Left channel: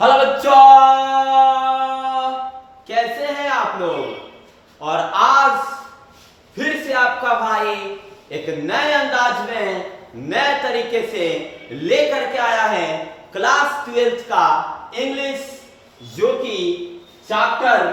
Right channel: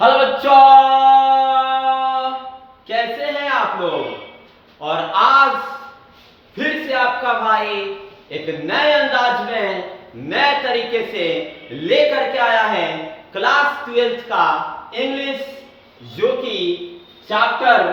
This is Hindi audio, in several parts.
हेलो बच्चों, कैसे हैं आप लोग। और आज फिर से आपका भाई एक नए अंदाज में नए तरीके से लेकर के आया है क्लास 12th का इंग्लिश, जो कि चैप्टर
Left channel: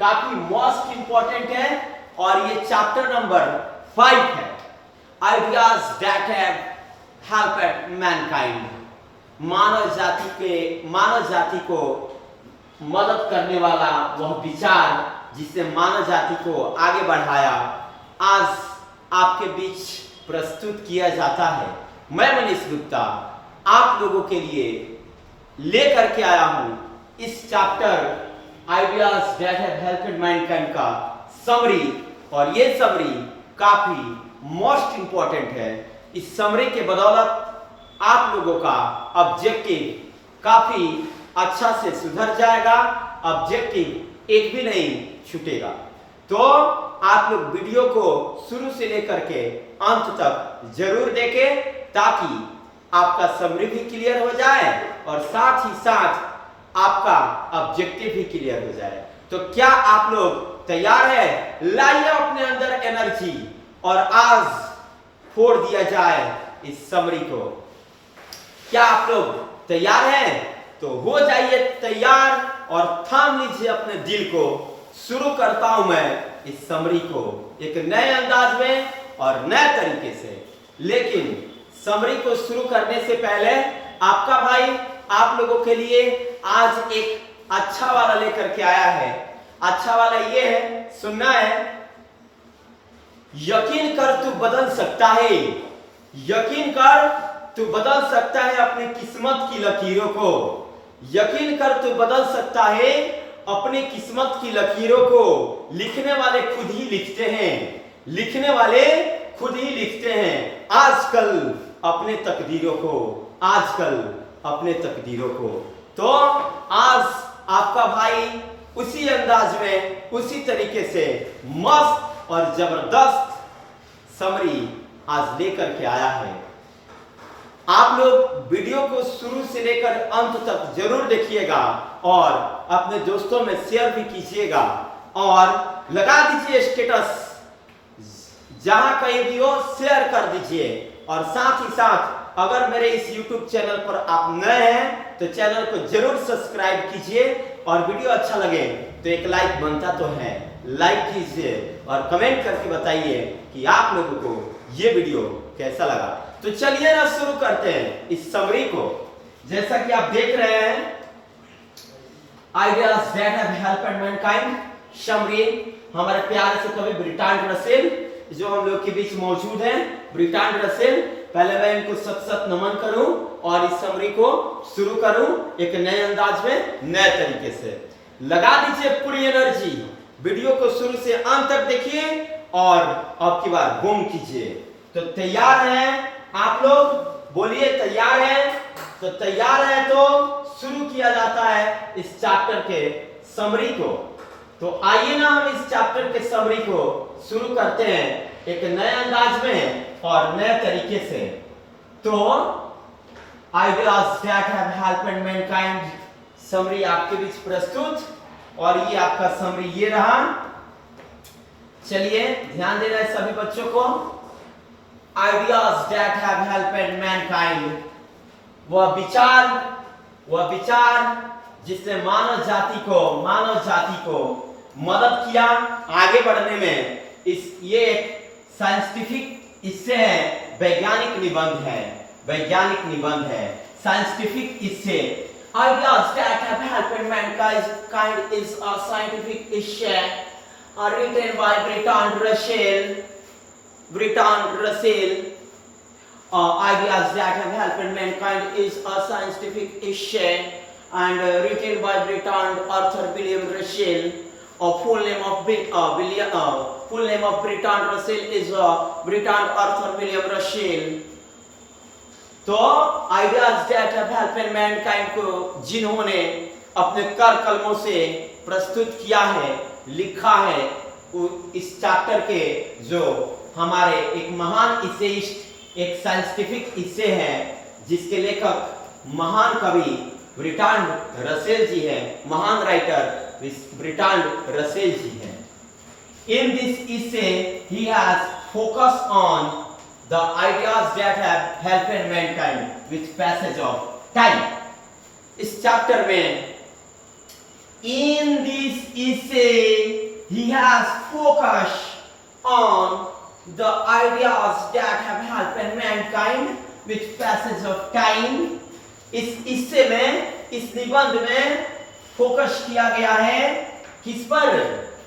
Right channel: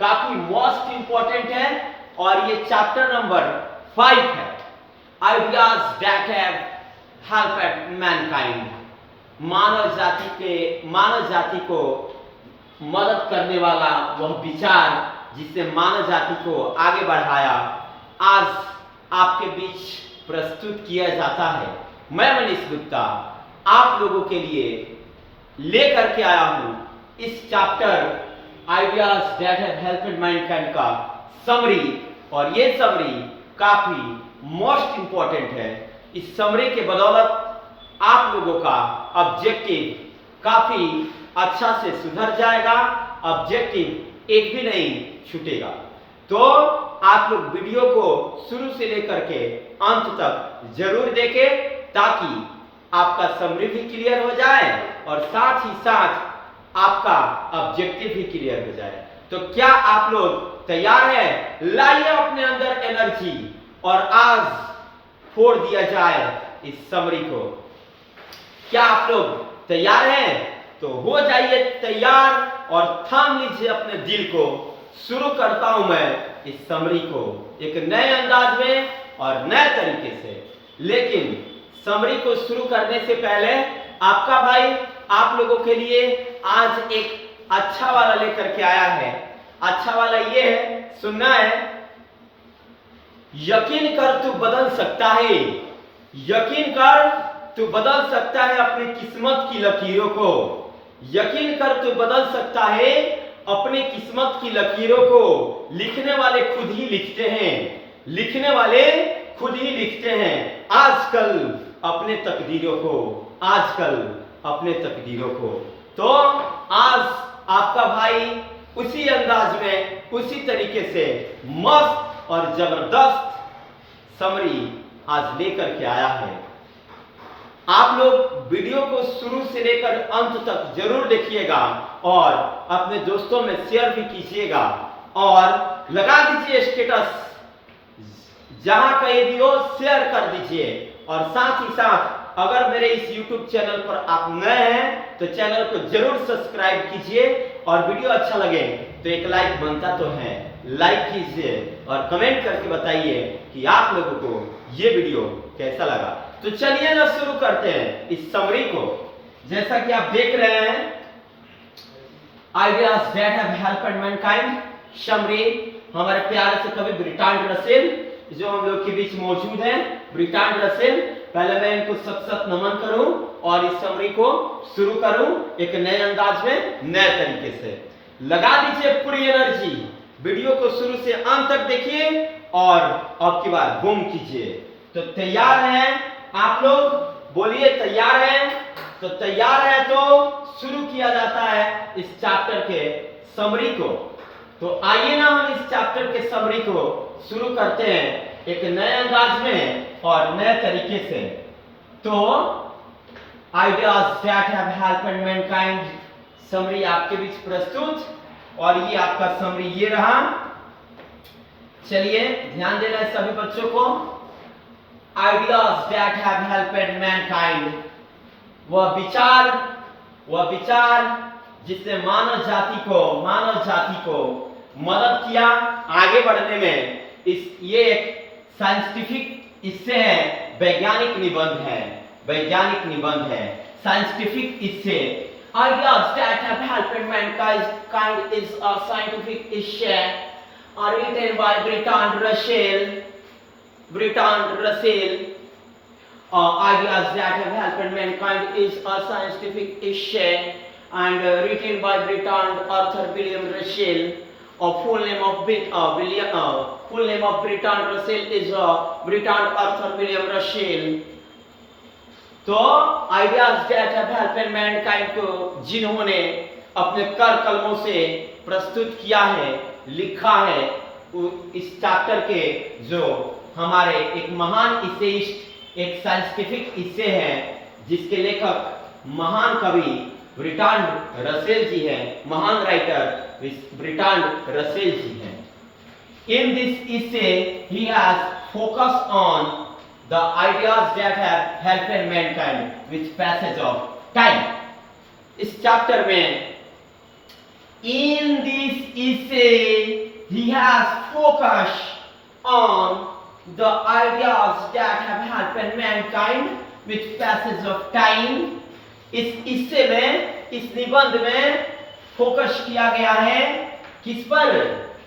काफी मोस्ट इंपॉर्टेंट है और ये चैप्टर नंबर 5 है, ideas that have helped mankind. मानव जाति को मदद करने वाला वह विचार जिसने मानव जाति को आगे बढ़ाया, आज आपके बीच प्रस्तुत किया जाता है। मैं मनीष गुप्ता आप लोगों के लिए लेकर के आया हूं इस chapter ideas that have helped Mankind का समरी, और ये समरी काफी मोस्ट इंपॉर्टेंट है। इस समरी के बदौलत आप लोगों का ऑब्जेक्टिव काफी अच्छा से सुधर जाएगा, ऑब्जेक्टिव एक भी नहीं छूटेगा। तो आप लोग वीडियो को शुरू से लेकर के अंत तक जरूर देखें ताकि आपका समरी भी क्लियर हो जाए और साथ ही साथ आपका ऑब्जेक्टिव भी क्लियर हो जाए। तो क्या आप लोग तैयार हैं? लाइए अपने अंदर एनर्जी और आज फोड़ दिया जाए इस समरी को। क्या आप लोग तैयार हैं? तो हो जाइए तैयार और थाम लीजिए अपने दिल को। शुरू करता हूं मैं इस समरी को एक नए अंदाज में और नए तरीके से। लेकिन समरी को शुरू करने से पहले आपका भाई आप लोगों के लिए आज एक अच्छा वाला लेकर के आया है। अच्छा वाला ये है, सुनना है। यकीन कर तू बदल सकता है, यकीन कर तू बदल सकता है अपनी किस्मत की लकीरों को। यकीन कर तू बदल सकता है अपनी किस्मत की लकीरों को। लिखने वाले खुद ही लिखते हैं, लिखने वाले खुद ही लिखते हैं आजकल अपने तकदीरों को, आजकल अपने तकदीरों को। तो आज आपका भाई उसी अंदाज में, उसी तरीके से मस्त और जबरदस्त समरी आज लेकर के आया है। आप लोग वीडियो को शुरू से लेकर अंत तक जरूर देखिएगा और अपने दोस्तों में शेयर भी कीजिएगा और लगा दीजिए स्टेटस, जहां कहीं भी हो शेयर कर दीजिए। और साथ ही साथ अगर मेरे इस YouTube चैनल पर आप नए हैं तो चैनल को जरूर सब्सक्राइब कीजिए और वीडियो अच्छा लगे तो एक लाइक बनता तो है, लाइक कीजिए और कमेंट करके बताइए कि आप लोगों को ये वीडियो कैसा लगा। तो चलिए ना शुरू करते हैं इस समरी को। जैसा कि आप देख रहे हैं, ideas that have helped Mankind summary, हमारे प्यारे से कवि बर्ट्रांड रसेल जो हम लोग के बीच मौजूद हैं। बर्ट्रांड रसेल, पहले मैं इनको सत नमन करूं और इस समरी को शुरू करूं एक नए अंदाज में, नए तरीके से। लगा दीजिए पूरी एनर्जी, वीडियो को शुरू से अंत तक देखिए और अब की बार बूम कीजिए। तो तैयार हैं आप लोग? बोलिए तैयार हैं? तो तैयार है तो शुरू किया जाता है इस चैप्टर के समरी को। तो आइए ना हम इस चैप्टर के समरी को शुरू करते हैं एक नए अंदाज में और नए तरीके से। तो ideas that have helped Mankind summary आपके बीच प्रस्तुत, और ये आपका समरी ये रहा। चलिए ध्यान देना है सभी बच्चों को। Ideas that have helped Mankind, वह विचार जिसने मानव जाति को मदद किया आगे बढ़ने में। ये एक साइंटिफिक इससे है, वैज्ञानिक निबंध है साइंटिफिक इससे। Ideas that have helped mankind is a scientific essay written by Bertrand Russell. Ideas that have helped mankind is a scientific essay and written by Bertrand Arthur William Russell. Full name of Bertrand Russell is Bertrand Arthur William Russell. तो ideas that have helped Mankind को जिन्होंने अपने कर कलमों से प्रस्तुत किया है, लिखा है, इस चैप्टर के जो हमारे एक महान इसेइस्ट, एक साइंटिफिक इसे हैं जिसके लेखक महान कवि ब्रिट्रांड रसेल जी हैं, महान राइटर ब्रिट्रांड रसेल जी हैं। In this essay, he has focused on the ideas that have helped mankind with passage of time. इस चैप्टर में, in this essay, he has focused on the ideas that have helped mankind with passage of time. इस essay में, इस निबंध में फोकस किया गया है किस पर?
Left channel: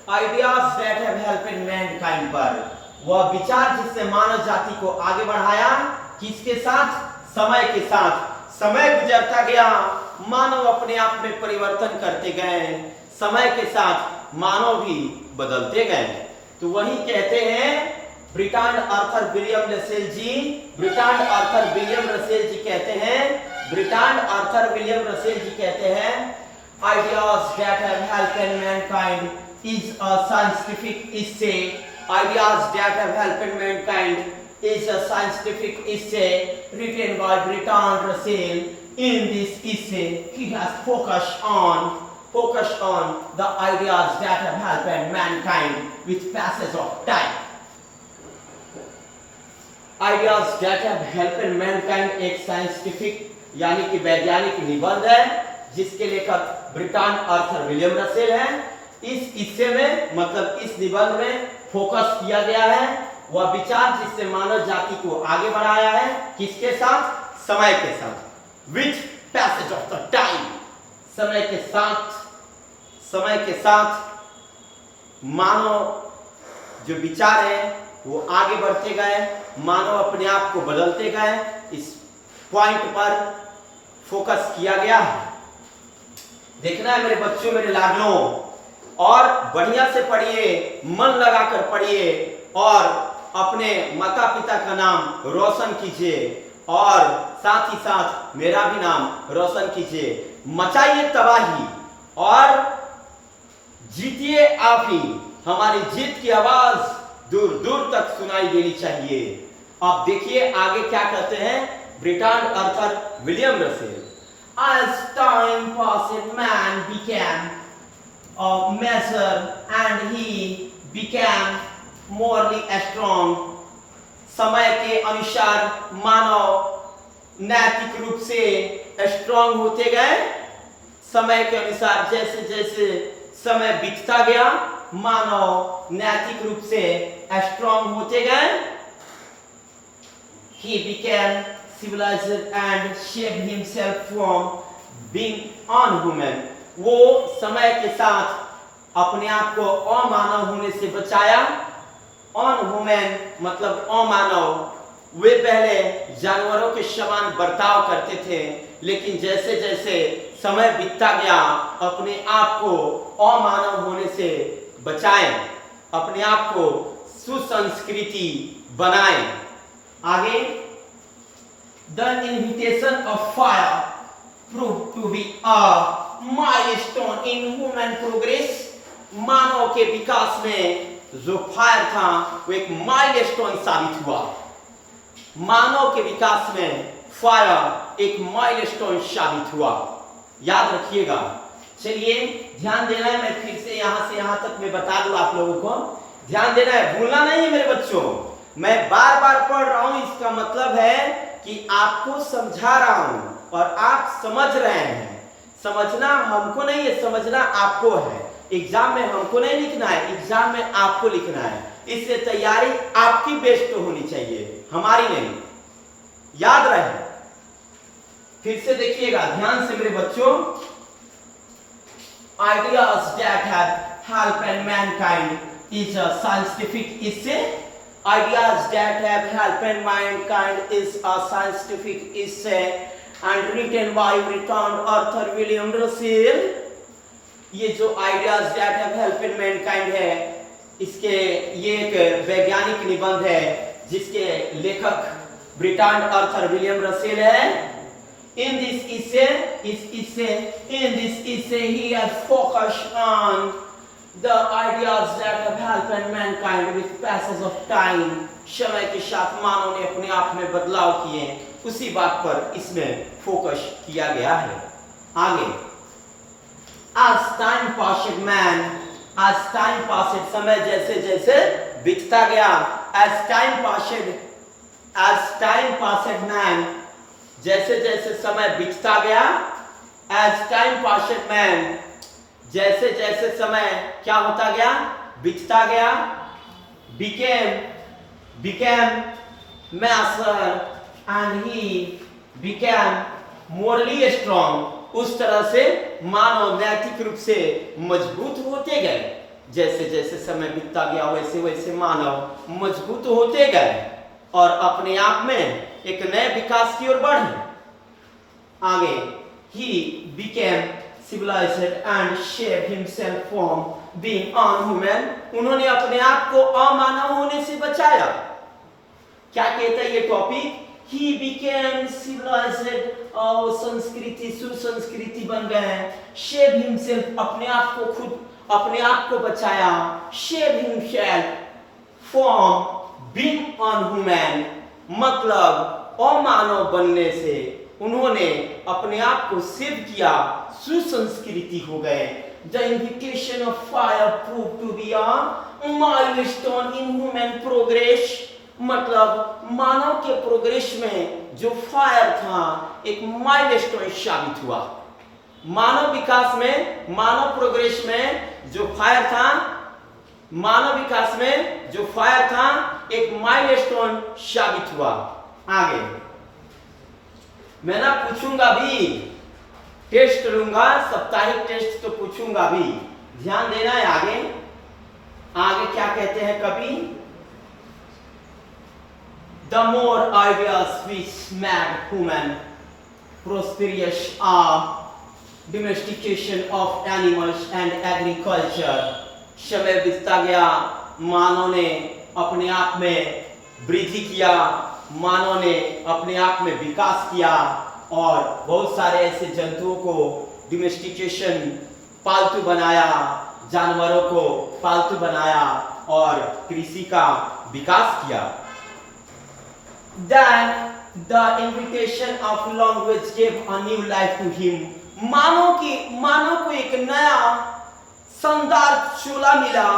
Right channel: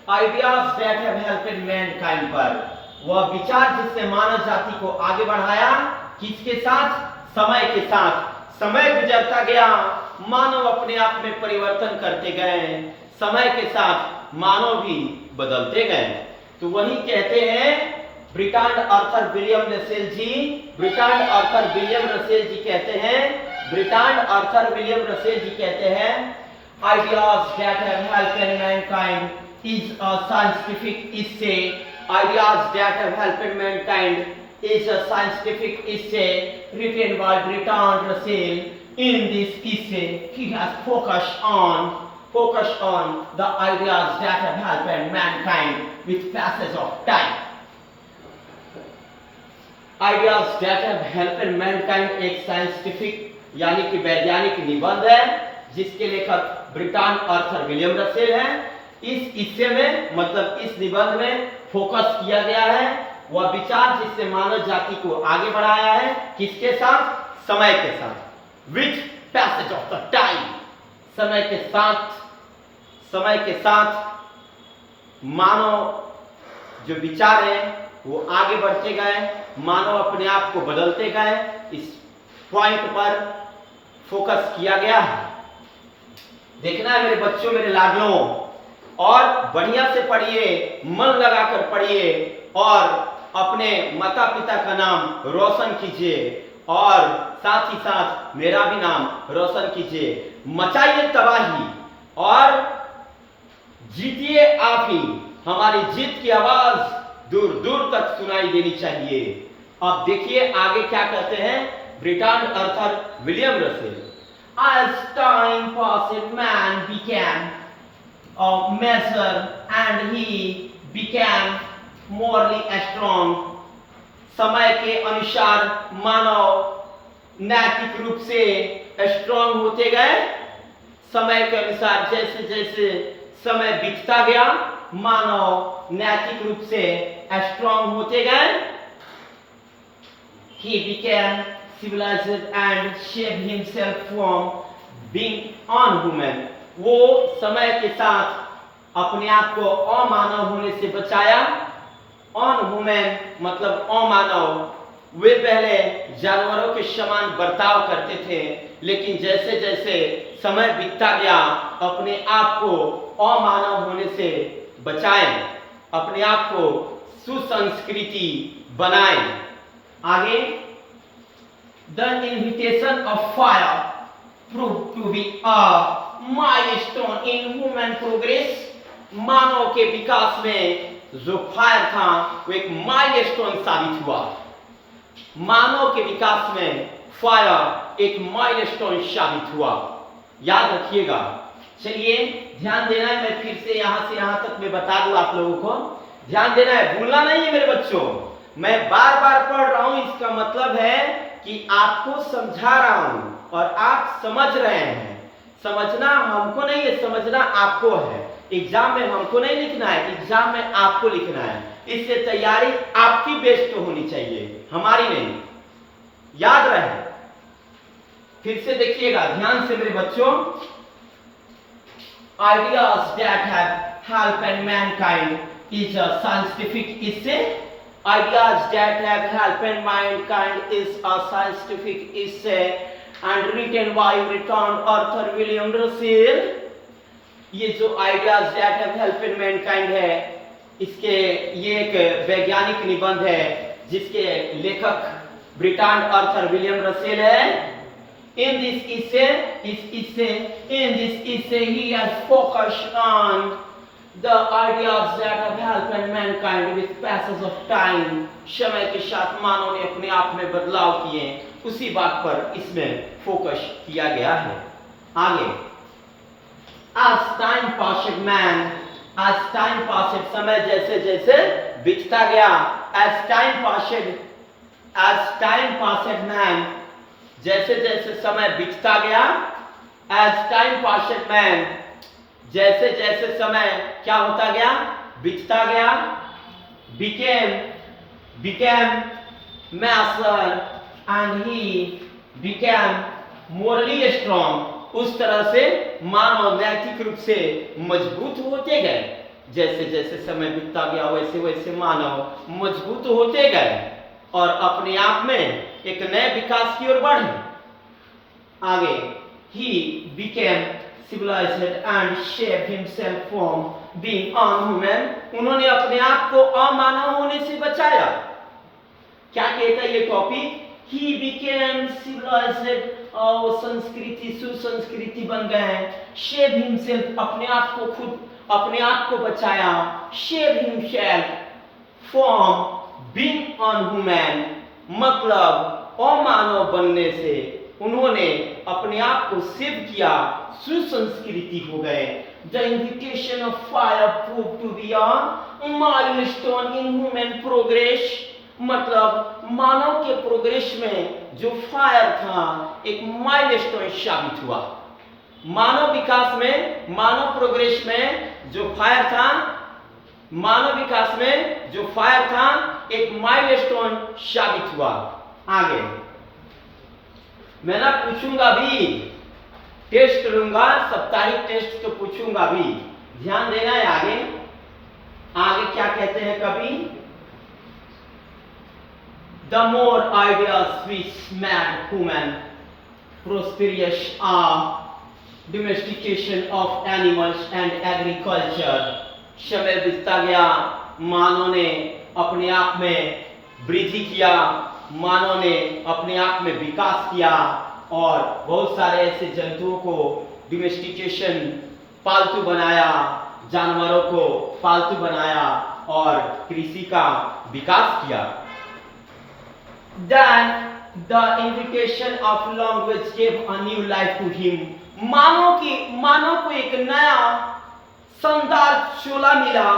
Ideas that have helped Mankind पर। वह विचार जिससे मानव जाति को आगे बढ़ाया, किसके साथ? समय के साथ। समय गुजरता गया, मानव अपने आप में परिवर्तन करते गए, समय के साथ मानव भी बदलते गए। तो वही कहते हैं ब्रिट्रांड आर्थर विलियम रसेल जी, ब्रिट्रांड आर्थर विलियम रसेल जी कहते हैं, ब्रिट्रांड आर्थर विलियम रसेल जी कहते हैं, ideas that have helped mankind is a scientific essay. Ideas that have helped mankind is a scientific essay written by Bertrand Russell. In this essay, he has focused on the ideas that have helped mankind with passage of time. Ideas that have helped mankind एक scientific यानी कि वैज्ञानिक निबंध है जिसके लेखक ब्रिट्रांड आर्थर विलियम रसेल हैं। इस हिस्से में, मतलब इस निबंध में फोकस किया गया है वह विचार जिससे मानव जाति को आगे बढ़ाया है, किसके साथ? समय के साथ। With passage of the time, समय के साथ, समय के साथ मानव जो विचार है वो आगे बढ़ते गए, मानव अपने आप को बदलते गए। इस पॉइंट पर फोकस किया गया है। देखना है मेरे बच्चों, मेरे लाडलों, और बढ़िया से पढ़िए, मन लगाकर पढ़िए और अपने माता पिता का नाम रोशन कीजिए और साथ ही साथ मेरा भी नाम रोशन कीजिए। मचाइए तबाही और जीतिए आप ही। हमारी जीत की आवाज दूर दूर तक सुनाई देनी चाहिए। अब देखिए आगे क्या कहते हैं Bertrand Arthur William Russell. As time passed, man became a measure and he became morally strong. समय के अनुसार मानव नैतिक रूप से स्ट्रांग होते गए। समय के अनुसार जैसे जैसे समय बीतता गया, मानव नैतिक रूप से स्ट्रांग होते गए। He became civilized and saved himself from being unhuman. वो समय के साथ अपने आप को अमानव होने से बचाया। अनह्यूमन मतलब अमानव। वे पहले जानवरों के समान बर्ताव करते थे, लेकिन जैसे जैसे समय बीतता गया अपने आप को अमानव होने से बचाएं, अपने आप को सुसंस्कृति बनाएं। आगे, the invitation of fire proved to be a milestone in human progress. मानव के विकास में जो फायर था वो एक माइलस्टोन साबित हुआ। मानव के विकास में फायर एक माइलस्टोन साबित हुआ, याद रखिएगा। चलिए ध्यान देना है, मैं फिर से यहां से यहां तक मैं बता दूं आप लोगों को, ध्यान देना है, भूलना नहीं है मेरे बच्चों। मैं बार बार पढ़ रहा हूं, इसका मतलब है कि आपको समझा रहा हूं और आप समझ रहे हैं। समझना हमको नहीं है, समझना आपको है। एग्जाम में हमको नहीं लिखना है, एग्जाम में आपको लिखना है। इससे तैयारी आपकी बेस्ट होनी चाहिए, हमारी नहीं। याद रहे। फिर से देखिएगा ध्यान से मेरे बच्चों। Ideas that have helped mankind is a scientific essay. Ideas that have helped mankind is a scientific essay and written by Bertrand Arthur William Russell. ये जो ideas that have helped mankind है, इसके ये एक वैज्ञानिक निबंध है जिसके लेखक ब्रिट्रांड आर्थर विलियम रसेल है। In this essay, he has focused on the ideas that have helped mankind with passage of time. समय के साथ मानव ने अपने आप में बदलाव किए, उसी बात पर इसमें फोकस किया गया है। आगे, as time passed man, as time passed, समय जैसे जैसे बीतता गया, as time passed man, जैसे जैसे समय बीतता गया, as time passed man, जैसे जैसे समय क्या होता गया, बीतता गया, became master and he became morally strong, उस तरह से मानव नैतिक रूप से मजबूत होते गए। जैसे जैसे समय बीतता गया वैसे वैसे मानव मजबूत होते गए और अपने आप में एक नए विकास की ओर बढ़े। आगे, he became civilized and shaped himself from being unhuman, उन्होंने अपने आप को अमानव होने से बचाया। क्या कहता है ये टॉपिक? He became civilized, और संस्कृति सुसंस्कृति बन गए। Shape himself, अपने आप को खुद अपने आप को बचाया। Shape himself from being unhuman, मतलब अमानव बनने से उन्होंने अपने आप को सेव किया, सुसंस्कृति हो गए। The invitation of fire proved to be a milestone in human progress, मतलब मानव के प्रोग्रेस में जो फायर था एक माइलस्टोन साबित हुआ। मानव विकास में, मानव प्रोग्रेस में जो फायर था, मानव विकास में जो फायर था एक माइलस्टोन साबित हुआ। आगे मैं ना पूछूंगा भी, टेस्ट लूंगा, साप्ताहिक टेस्ट तो पूछूंगा भी, ध्यान देना है। आगे आगे क्या कहते हैं कवि? The more ideas which made human prosperous are domestication of animals and agriculture, समय बीतता गया, मानव ने अपने आप में वृद्धि किया, मानव ने अपने आप में विकास किया और बहुत सारे ऐसे जंतुओं को डोमेस्टिकेशन, पालतू बनाया, जानवरों को पालतू बनाया और कृषि का विकास किया। Then the invitation of language gave a new life to him, मानव को एक नया शानदार चोला मिला।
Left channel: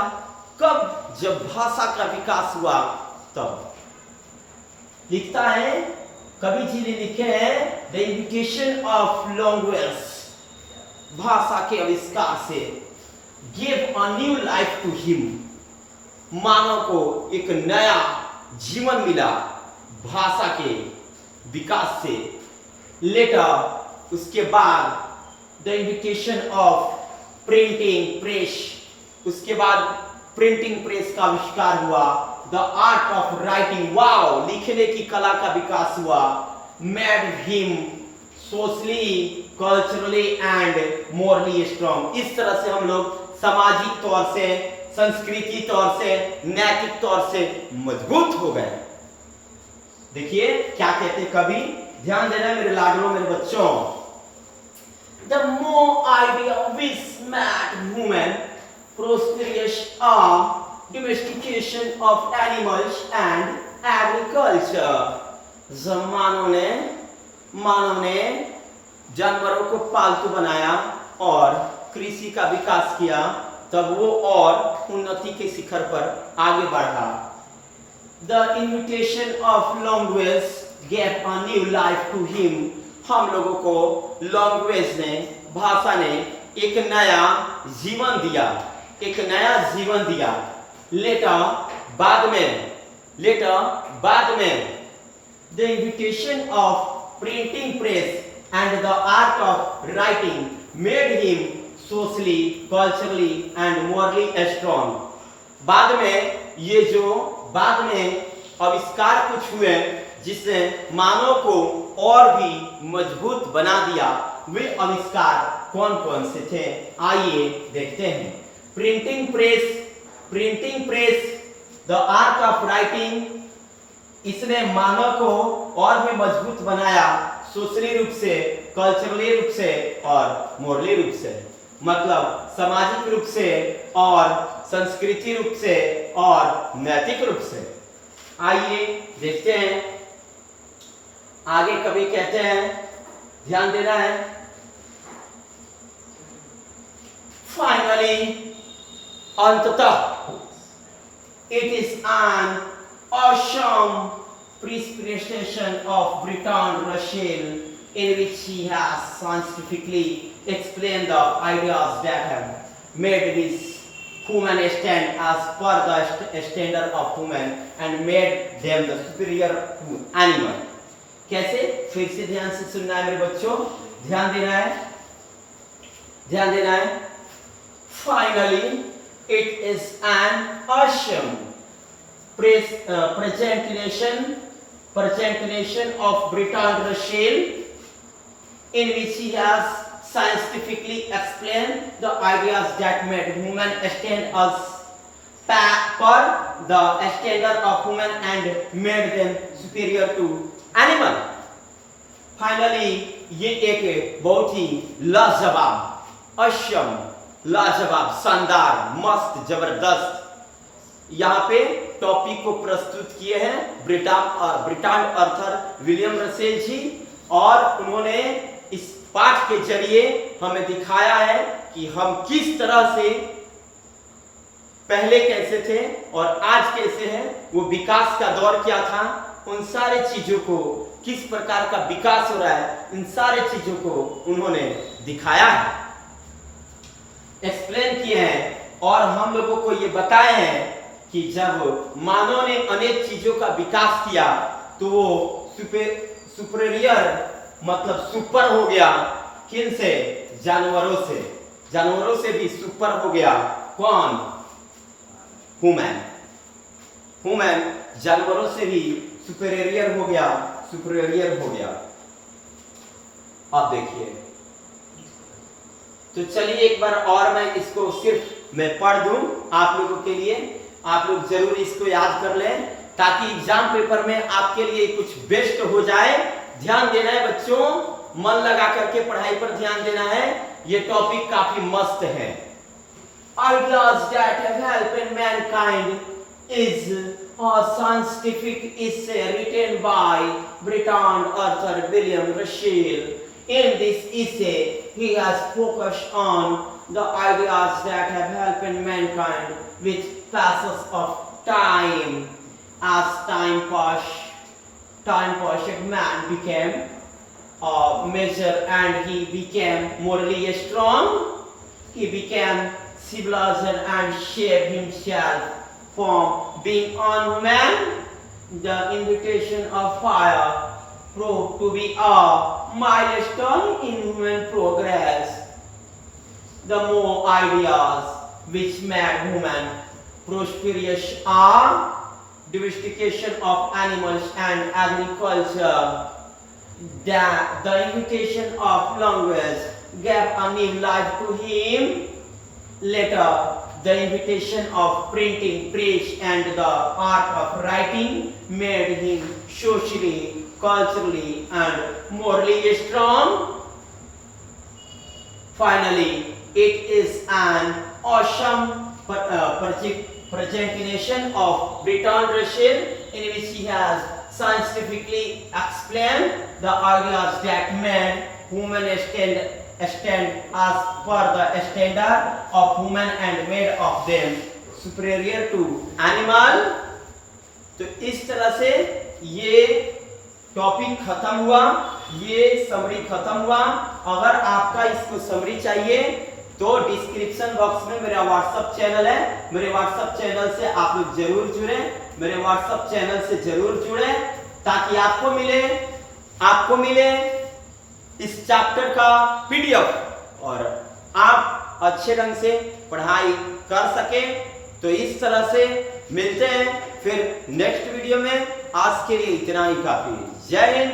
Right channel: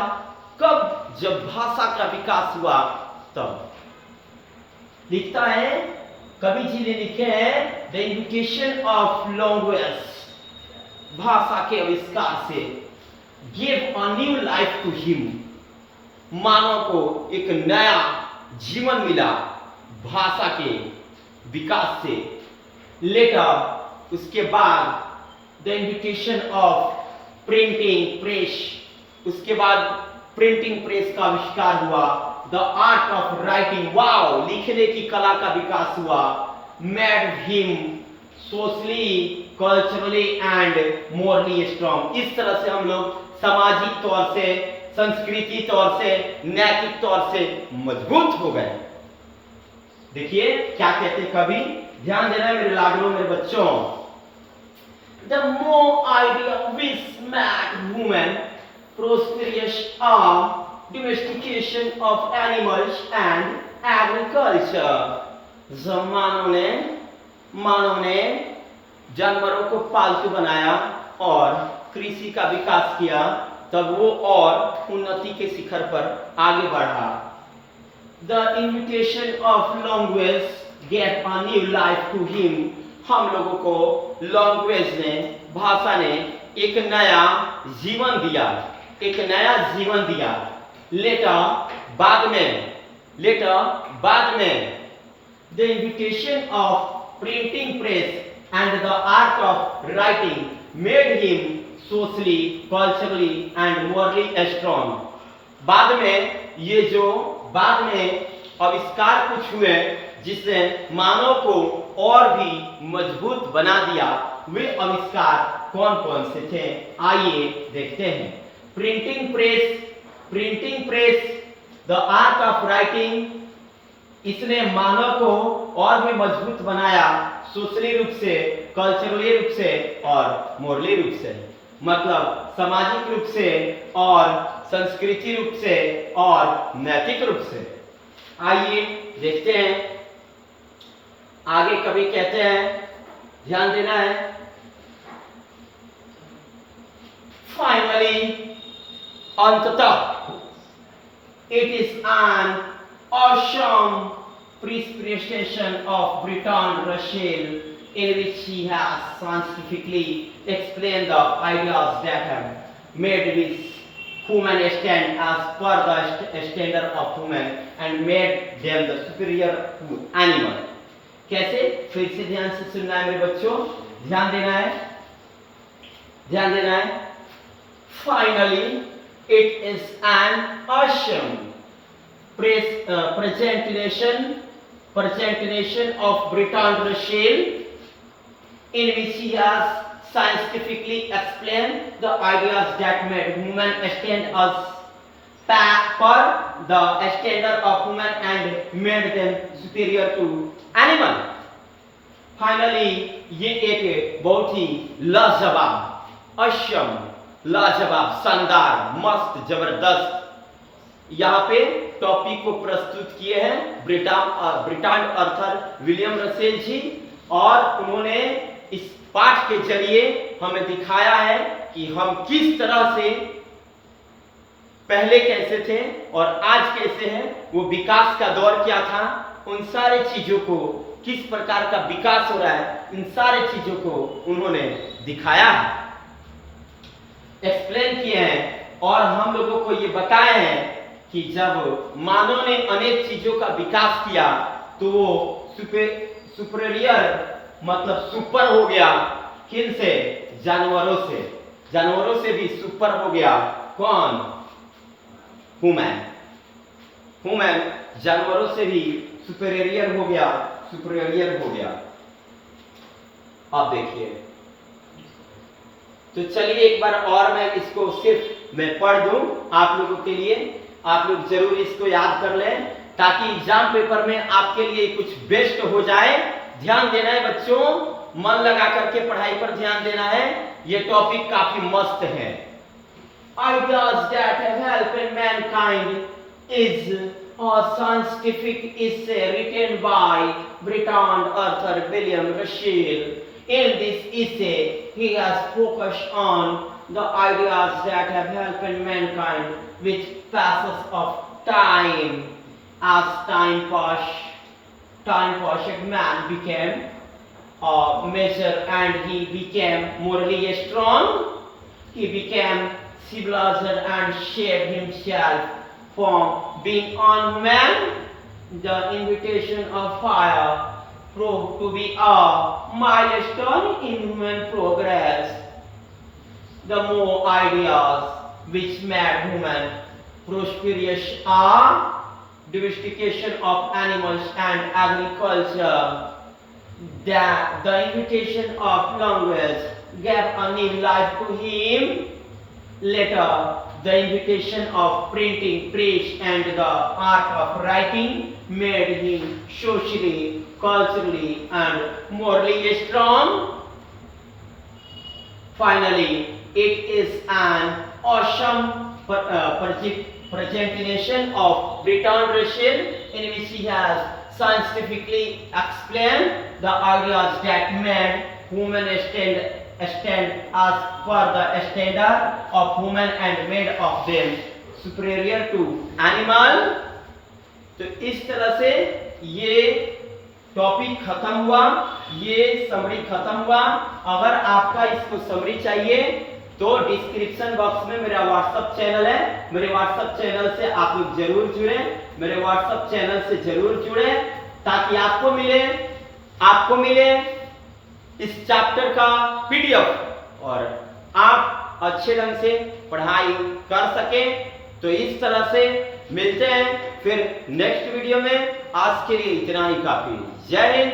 कब? जब भाषा का विकास हुआ तब। लिखता है कवि जी ने लिखे हैं, द इन्विटेशन ऑफ लैंग्वेज, भाषा के आविष्कार से, give a new life to him, मानव को एक नया जीवन मिला भाषा के विकास से। लेटर, उसके बाद the invitation of printing press, उसके बाद प्रिंटिंग प्रेस का आविष्कार हुआ। The art of writing, wow, लिखने की कला का विकास हुआ। Made him socially, culturally and morally strong, इस तरह से हम लोग सामाजिक तौर से, संस्कृति तौर से, नैतिक तौर से मजबूत हो गए। देखिए क्या कहते कवि, ध्यान देना मेरे लाडलों, मेरे बच्चों। The more idea which made human prosperous are domestication of animals and agriculture, जब मानव ने जानवरों को पालतू बनाया और कृषि का विकास किया, तब वो और उन्नति के शिखर पर आगे बढ़ा। The invitation of language gave a new life to him, हम लोगों को लैंग्वेज ने, भाषा ने एक नया जीवन दिया, एक नया जीवन दिया। लेटर, बाद में the invitation of printing press and the art of writing made him socially, culturally and morally strong, बाद में आविष्कार कुछ हुए जिसने मानव को और भी मजबूत बना दिया। वे आविष्कार कौन कौन से थे, आइए देखते हैं। Printing press, the art of writing, इसने मानव को और भी मजबूत बनाया, सोशली रूप से, कल्चरली रूप से और मोरली रूप से, मतलब सामाजिक रूप से और संस्कृति रूप से और नैतिक रूप से। आइए देखते हैं आगे। कवि कहते हैं, ध्यान देना है, फाइनली अंततः it is an awesome presentation of Bertrand Russell in which he has scientifically explained the ideas that have made this human stand as per the standard of human and made them the superior to animal. कैसे? फिर से ध्यान से सुनना है मेरे बच्चों, ध्यान देना है, ध्यान देना है. Finally, it is an awesome presentation of Bertrand Russell in which he has scientifically explained the ideas that made human stand as per the standard of human and made them superior to animal. Finally, ये एक बहुत ही लाजवाब, awesome, लाजवाब, शानदार, मस्त, जबरदस्त यहाँ पे टॉपिक को प्रस्तुत किए हैं ब्रिटांड आर्थर विलियम रसेल जी, और उन्होंने इस पाठ के जरिए हमें दिखाया है कि हम किस तरह से पहले कैसे थे और आज कैसे हैं, वो विकास का दौर क्या था, उन सारे चीजों को किस प्रकार का विकास हो रहा है, इन सारे चीजों को उन्होंने दिखाया है, एक्सप्लेन किए हैं, और हम लोगों को ये बताए हैं कि जब मानव ने अनेक चीजों का विकास किया तो वो सुपीरियर मतलब सुपर हो गया. किन से? जानवरों से. जानवरों से भी सुपर हो गया. कौन? ह्यूमन. ह्यूमन जानवरों से भी सुपीरियर हो गया, सुपीरियर हो गया. अब देखिए, तो चलिए एक बार और मैं इसको सिर्फ मैं पढ़ दूं आप लोगों के लिए. आप लोग जरूर इसको याद कर लें ताकि एग्जाम पेपर में आपके लिए कुछ बेस्ट हो जाए. ध्यान देना है बच्चों, मन लगा करके पढ़ाई पर ध्यान देना है. ये टॉपिक काफी मस्त है. Ideas that have helped mankind is a scientific essay written by Bertrand Arthur William Russell. In this essay, he has focused on the ideas that have helped mankind with passes of time. As time passed, man became a measure and he became morally strong. He became civilized and shaped himself from being unhuman. The invitation of fire proved to be a milestone in human progress. The more ideas which made human prosperous are domestication of animals and agriculture. The invitation of language gave a new life to him. Later, the invitation of printing, press, and the art of writing made him socially, culturally, and morally strong. Finally, it is an awesome presentation of Bertrand Russell in which he has scientifically explained the ideas that made human stand as per the standard of human and made of them superior to animal. तो इस तरह से ये टॉपिक खत्म हुआ, ये समरी खत्म हुआ. अगर आपका इसको समरी चाहिए तो डिस्क्रिप्शन बॉक्स में मेरा व्हाट्सएप चैनल है. मेरे व्हाट्सएप चैनल से आप लोग जरूर जुड़े, मेरे व्हाट्सएप चैनल से जरूर जुड़े ताकि आपको मिले इस चैप्टर का पीडीएफ और आप अच्छे ढंग से पढ़ाई कर सके. तो इस तरह से मिलते हैं फिर नेक्स्ट वीडियो में. आज के लिए इतना ही काफी. जय हिंद,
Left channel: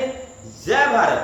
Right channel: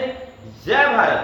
जय भारत.